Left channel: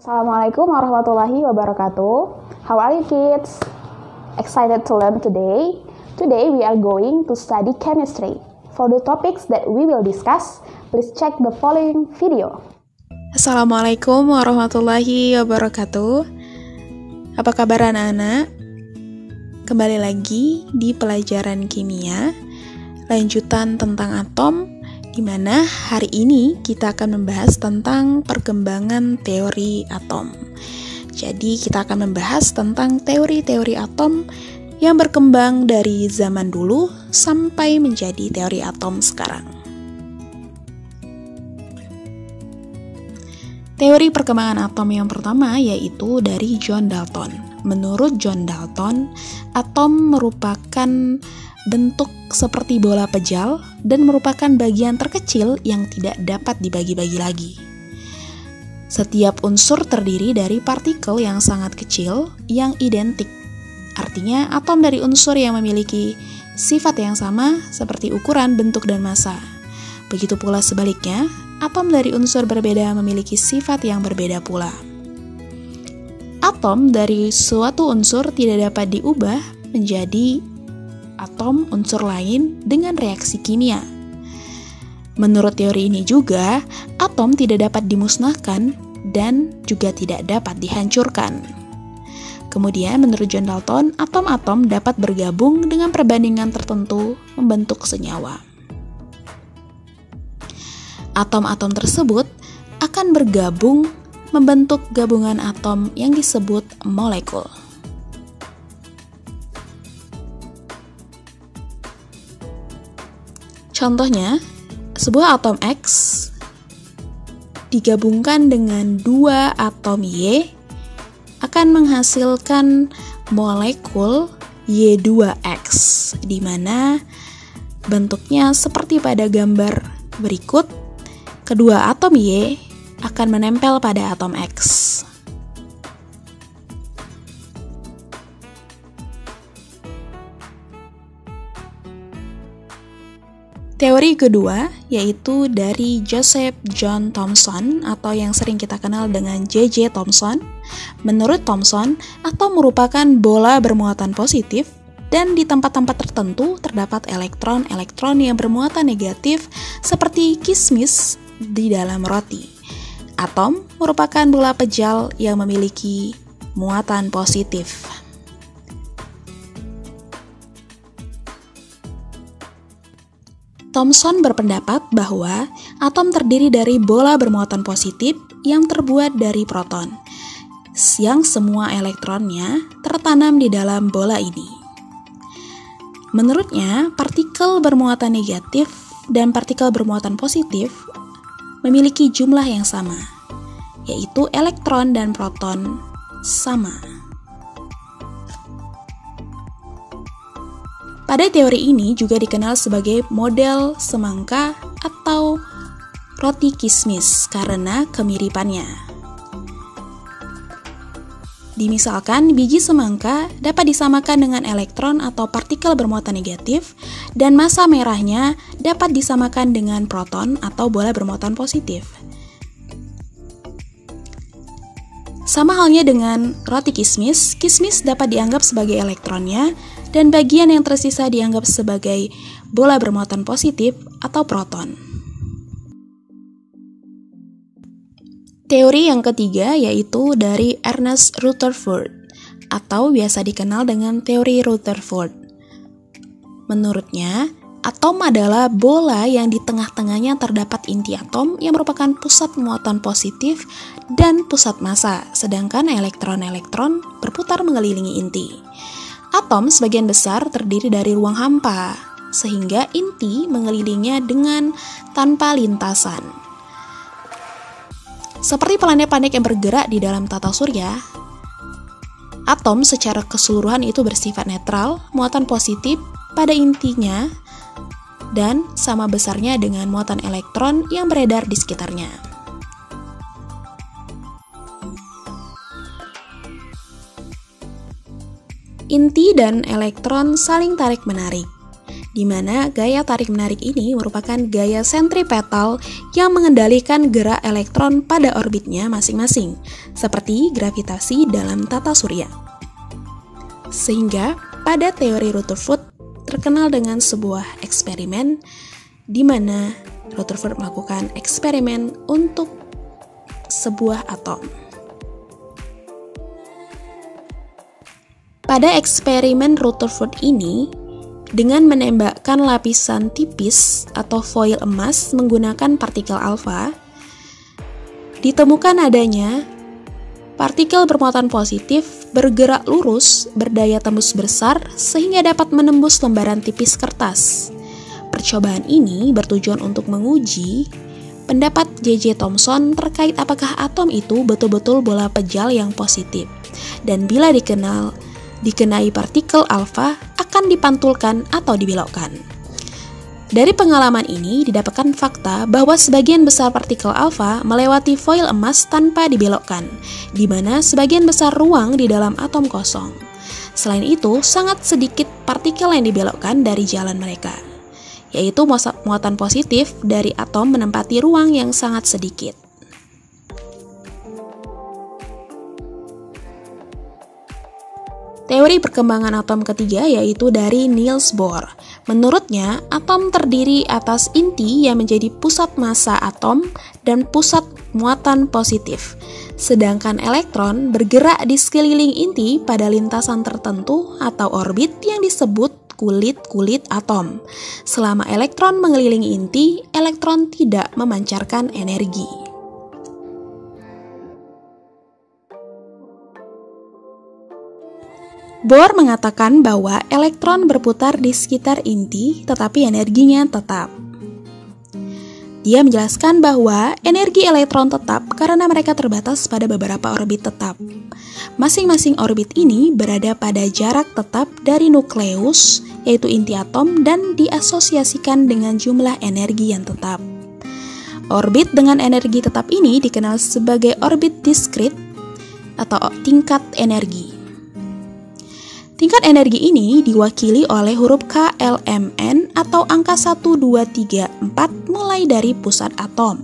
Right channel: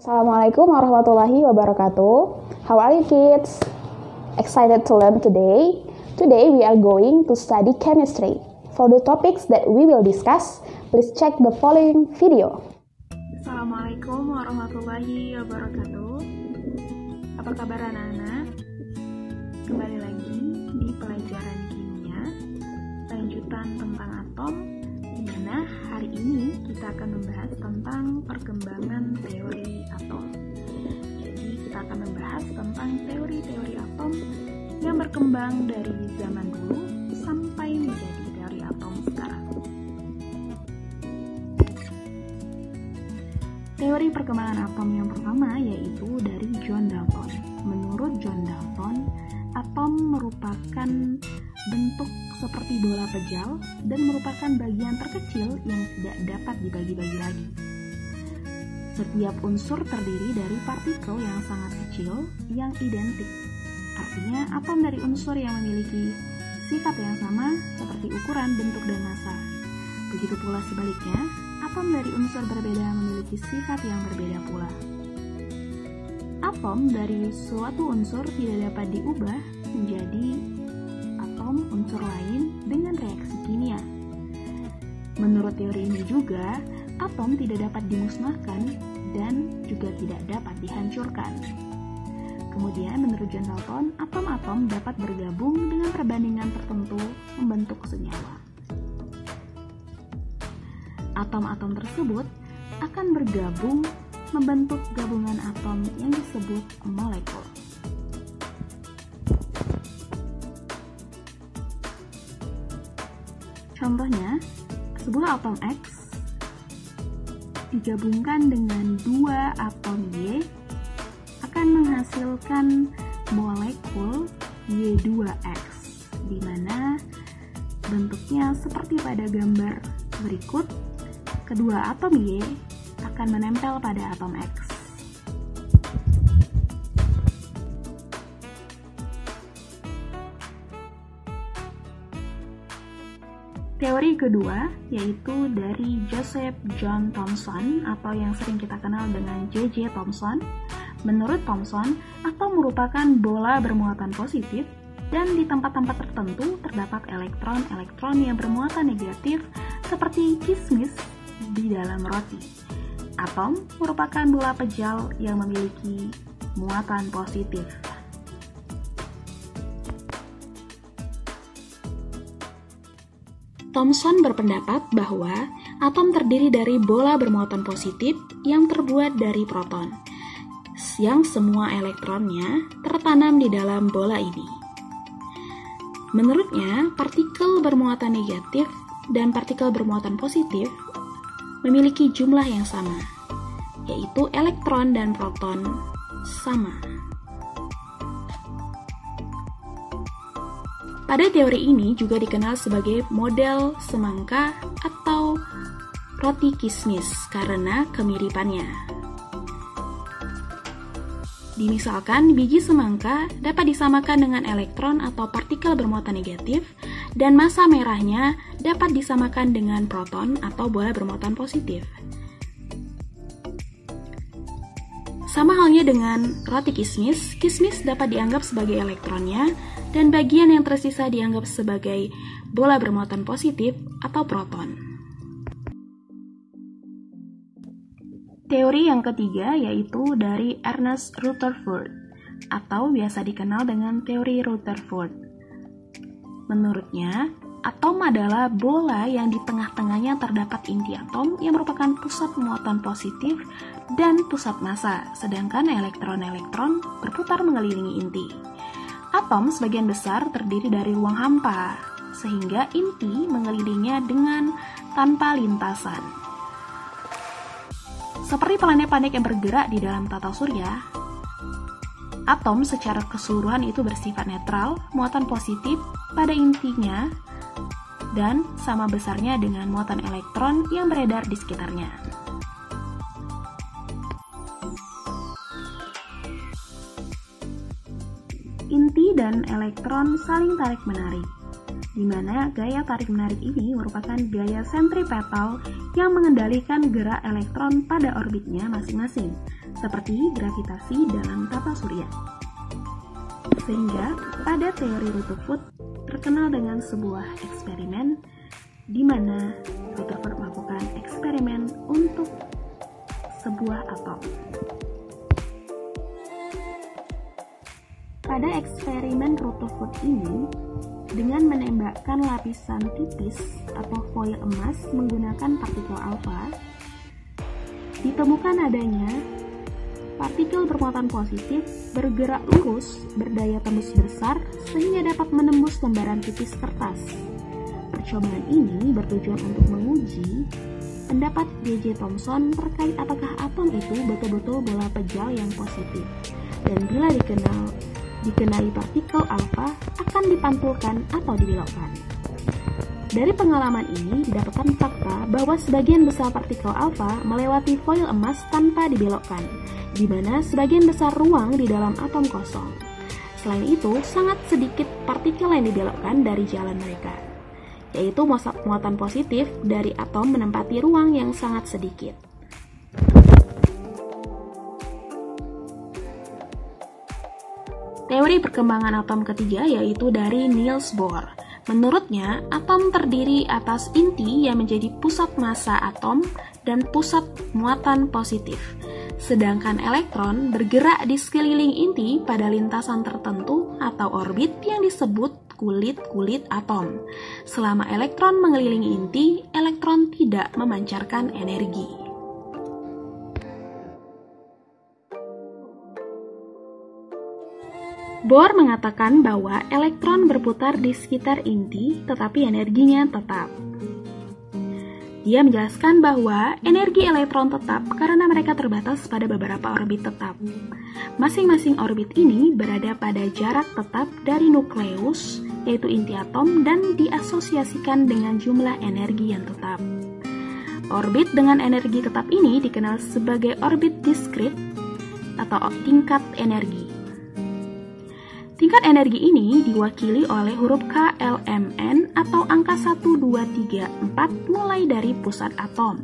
Assalamualaikum warahmatullahi wabarakatuh. How are you kids? Excited to learn today? Today we are going to study chemistry. For the topics that we will discuss, please check the following video. Assalamualaikum warahmatullahi wabarakatuh. Apa kabar anak-anak? Kembali lagi di pelajaran kimia, lanjutan tentang atom, di mana hari ini kita akan membahas tentang perkembangan teori atom. Jadi kita akan membahas tentang teori-teori atom yang berkembang dari zaman dulu sampai menjadi teori atom sekarang. Teori perkembangan atom yang pertama yaitu dari John Dalton. Menurut John Dalton, atom merupakan bentuk seperti bola pejal dan merupakan bagian terkecil yang tidak dapat dibagi-bagi lagi. Setiap unsur terdiri dari partikel yang sangat kecil yang identik. Artinya, atom dari unsur yang memiliki sifat yang sama seperti ukuran, bentuk, dan massa. Begitu pula sebaliknya, atom dari unsur berbeda memiliki sifat yang berbeda pula. Atom dari suatu unsur tidak dapat diubah menjadi atom unsur lain dengan reaksi kimia. Menurut teori ini juga, atom tidak dapat dimusnahkan dan juga tidak dapat dihancurkan. Kemudian menurut John Dalton, atom-atom dapat bergabung dengan perbandingan tertentu membentuk senyawa. Atom-atom tersebut akan bergabung membentuk gabungan atom yang disebut molekul. Contohnya, sebuah atom X digabungkan dengan dua atom Y akan menghasilkan molekul Y2X, di mana bentuknya seperti pada gambar berikut. Kedua atom Y akan menempel pada atom X. Teori kedua yaitu dari Joseph John Thomson atau yang sering kita kenal dengan J.J. Thomson. Menurut Thomson, atom merupakan bola bermuatan positif dan di tempat-tempat tertentu terdapat elektron-elektron yang bermuatan negatif seperti kismis di dalam roti. Atom merupakan bola pejal yang memiliki muatan positif. Thomson berpendapat bahwa atom terdiri dari bola bermuatan positif yang terbuat dari proton, yang semua elektronnya tertanam di dalam bola ini. Menurutnya, partikel bermuatan negatif dan partikel bermuatan positif memiliki jumlah yang sama, yaitu elektron dan proton sama. Pada teori ini juga dikenal sebagai model semangka atau roti kismis karena kemiripannya. Dimisalkan biji semangka dapat disamakan dengan elektron atau partikel bermuatan negatif dan massa merahnya dapat disamakan dengan proton atau bola bermuatan positif. Sama halnya dengan roti kismis, kismis dapat dianggap sebagai elektronnya dan bagian yang tersisa dianggap sebagai bola bermuatan positif atau proton. Teori yang ketiga yaitu dari Ernest Rutherford atau biasa dikenal dengan teori Rutherford. Menurutnya, atom adalah bola yang di tengah-tengahnya terdapat inti atom yang merupakan pusat muatan positif dan pusat massa, sedangkan elektron-elektron berputar mengelilingi inti. Atom sebagian besar terdiri dari ruang hampa, sehingga inti mengelilinginya dengan tanpa lintasan. Seperti planet-planet yang bergerak di dalam tata surya, atom secara keseluruhan itu bersifat netral, muatan positif pada intinya, dan sama besarnya dengan muatan elektron yang beredar di sekitarnya. Inti dan elektron saling tarik-menarik. di mana gaya tarik-menarik ini merupakan gaya sentripetal yang mengendalikan gerak elektron pada orbitnya masing-masing, seperti gravitasi dalam tata surya. Sehingga pada teori Rutherford terkenal dengan sebuah eksperimen di mana Rutherford melakukan eksperimen untuk sebuah atom. Pada eksperimen Rutherford ini, dengan menembakkan lapisan tipis atau foil emas menggunakan partikel alfa, ditemukan adanya partikel bermuatan positif bergerak lurus berdaya tembus besar sehingga dapat menembus lembaran tipis kertas. Percobaan ini bertujuan untuk menguji pendapat J.J. Thomson terkait apakah atom itu betul-betul bola pejal yang positif, dan bila dikenai partikel alfa akan dipantulkan atau dibelokkan. Dari pengalaman ini didapatkan fakta bahwa sebagian besar partikel alfa melewati foil emas tanpa dibelokkan, di mana sebagian besar ruang di dalam atom kosong. Selain itu, sangat sedikit partikel yang dibelokkan dari jalan mereka, yaitu muatan positif dari atom menempati ruang yang sangat sedikit. Teori perkembangan atom ketiga yaitu dari Niels Bohr. Menurutnya, atom terdiri atas inti yang menjadi pusat massa atom dan pusat muatan positif. Sedangkan elektron bergerak di sekeliling inti pada lintasan tertentu atau orbit yang disebut kulit-kulit atom. Selama elektron mengelilingi inti, elektron tidak memancarkan energi. Bohr mengatakan bahwa elektron berputar di sekitar inti, tetapi energinya tetap. Dia menjelaskan bahwa energi elektron tetap karena mereka terbatas pada beberapa orbit tetap. Masing-masing orbit ini berada pada jarak tetap dari nukleus, yaitu inti atom, dan diasosiasikan dengan jumlah energi yang tetap. Orbit dengan energi tetap ini dikenal sebagai orbit diskrit atau tingkat energi. Tingkat energi ini diwakili oleh huruf KLMN atau angka 1, 2, 3, 4 mulai dari pusat atom.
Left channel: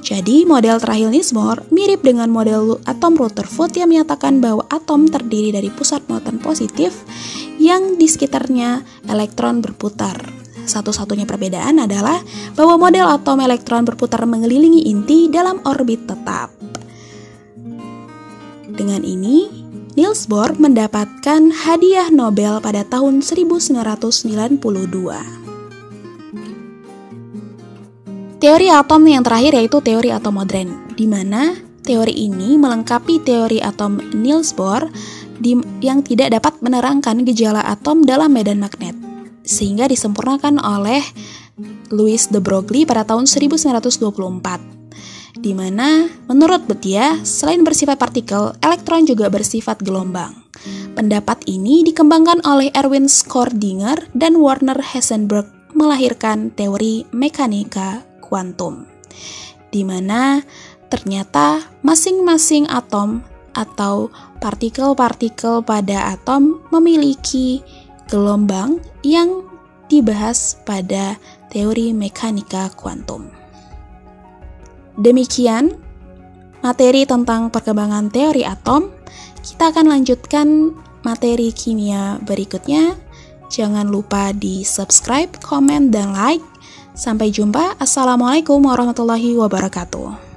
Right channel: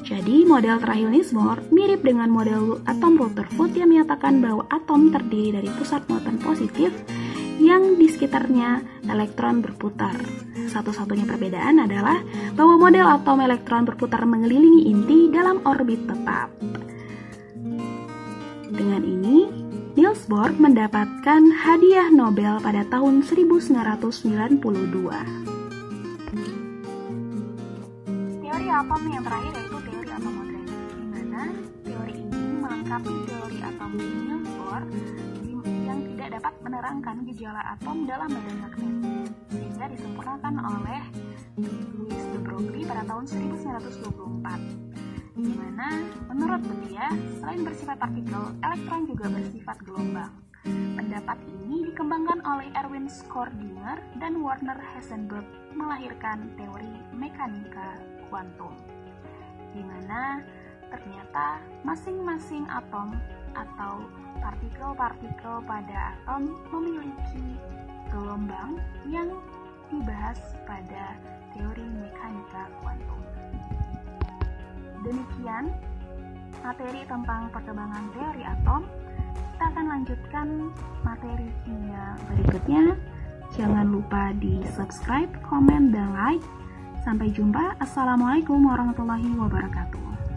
Jadi model terakhir Niels Bohr mirip dengan model atom Rutherford yang menyatakan bahwa atom terdiri dari pusat muatan positif yang di sekitarnya elektron berputar. Satu-satunya perbedaan adalah bahwa model atom elektron berputar mengelilingi inti dalam orbit tetap. Dengan ini, Niels Bohr mendapatkan hadiah Nobel pada tahun 1992. Teori atom yang terakhir yaitu teori atom modern, di mana teori ini melengkapi teori atom Niels Bohr yang tidak dapat menerangkan gejala atom dalam medan magnet, sehingga disempurnakan oleh Louis de Broglie pada tahun 1924. Di mana menurut dia, selain bersifat partikel, elektron juga bersifat gelombang. Pendapat ini dikembangkan oleh Erwin Schrödinger dan Werner Heisenberg melahirkan teori mekanika kuantum, di mana ternyata masing-masing atom atau partikel-partikel pada atom memiliki gelombang yang dibahas pada teori mekanika kuantum. Demikian materi tentang perkembangan teori atom. Kita akan lanjutkan materi kimia berikutnya. Jangan lupa di subscribe, komen, dan like. Sampai jumpa. Assalamualaikum warahmatullahi wabarakatuh.